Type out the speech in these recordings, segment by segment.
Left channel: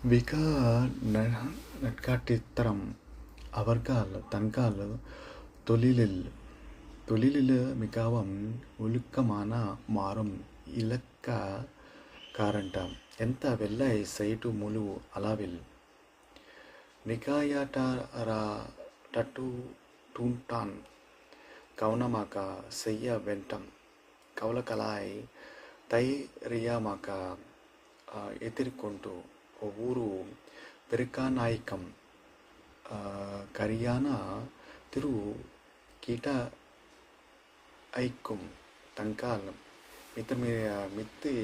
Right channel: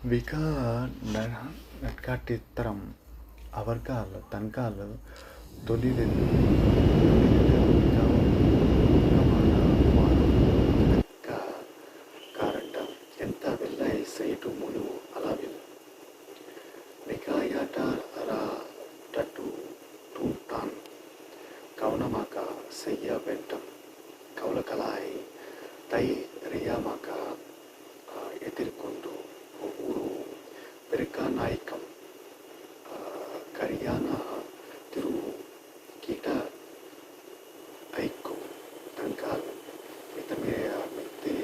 விகா நட்காட்டித்தரம் அவர்கள் தங்கள் தொழிலில் மிகவும் ஒழுக்கமான மாறும் இலக்காரண்டம் ఎంత வெள்ளை செய்து முழு அளவில் நிகாயாட்டூட்டான் கவனமாக செய்ய வேண்டும் கவலைகளாய் தைரியமாக எதிர்கொண்டு ஒவ்வொரு பெருக்காநாயக்கம் கரியான திரு கீட்ட ஐக்கும் தங்கால் மித்தி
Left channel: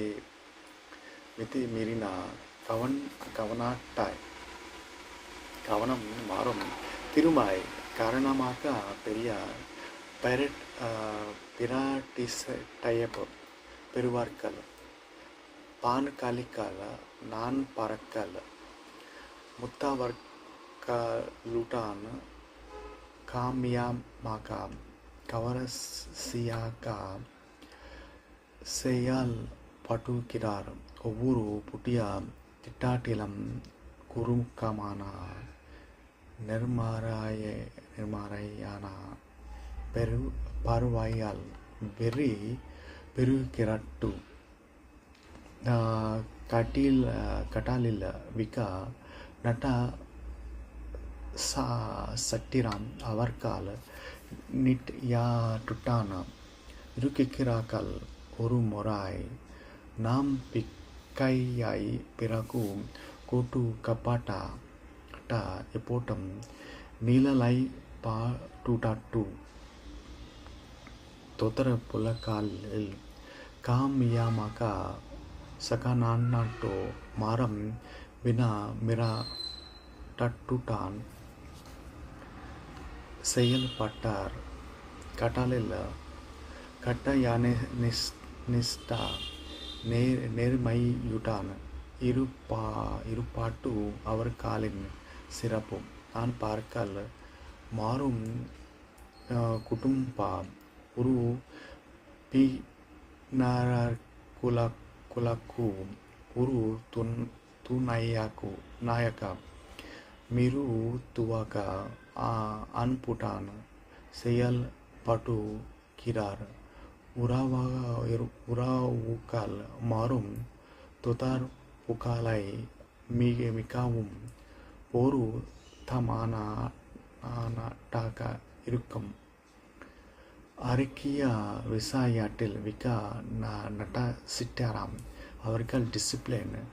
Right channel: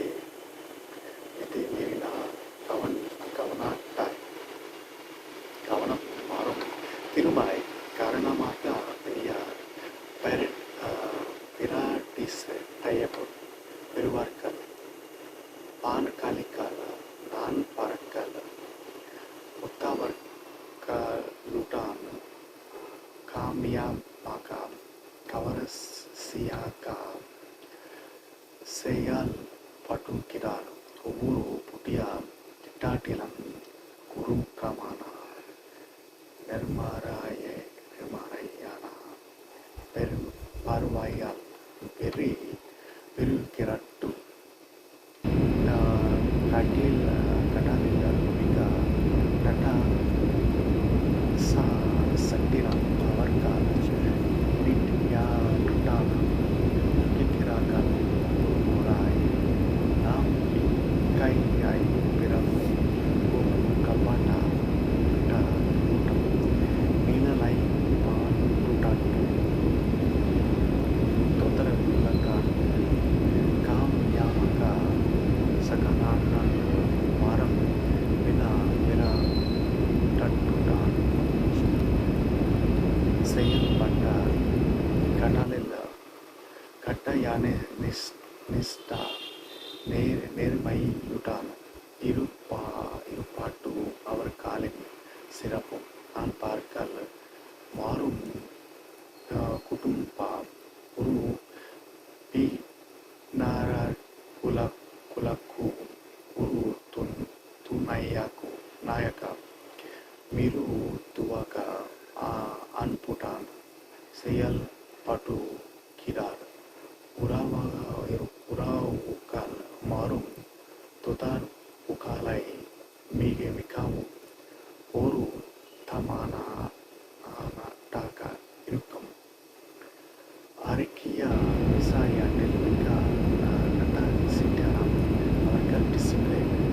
மீறின கவனம் மாறும் திருமாய் காரணமாக பெரிய பிராட்டிசையப் பெறுவார்கள் பான்காலிக்கால் நான் பறக்கல் முத்தாவர்களுடன் காமியமாக கவரசியாக செயல்படுகிறார் ஒவ்வொரு புதிய திட்டாட்டிலும் குறுக்கமான நிர்மறையான பார்வையால் வெறி பெருகிறட்டு கட்டாலில் விகா நட்ட சட்டிரம் அவர்கள் நிட்யாட்டுட்டான இருக்கிறார்கள் ஒரு முறை நாம் பிக்கையை பிறகு கோட்டு கப்பாட்டா போட்டம் நீலலை பாட்டுடாட்டு தொந்தரவுలకాన్ని காமியமாக சகனான்ட்டு மரம் விரட்டட்டுட்டான் செயல்பட்டார் கடலில் கட்டயனிஷ்டா நேர்மையுடன் இருப்பாட்டு அவர்களின் சிறப்பும் நான் பார்க்கல் மாறும் குடும்பம் ஒரு పిన్నరకులకు ஒரு நாயக మీరు துவக்க அன்புடன் செயல்படுகிறார் உறவுகள் மாறும் தொடர்புகளை மிகவும் ஒரு தமானதாக இருக்கும் அறிக்கைய விசாயாட்டில் விகா நட்ட சிட்டாராம் அவர்கள் டிசிப்ளின்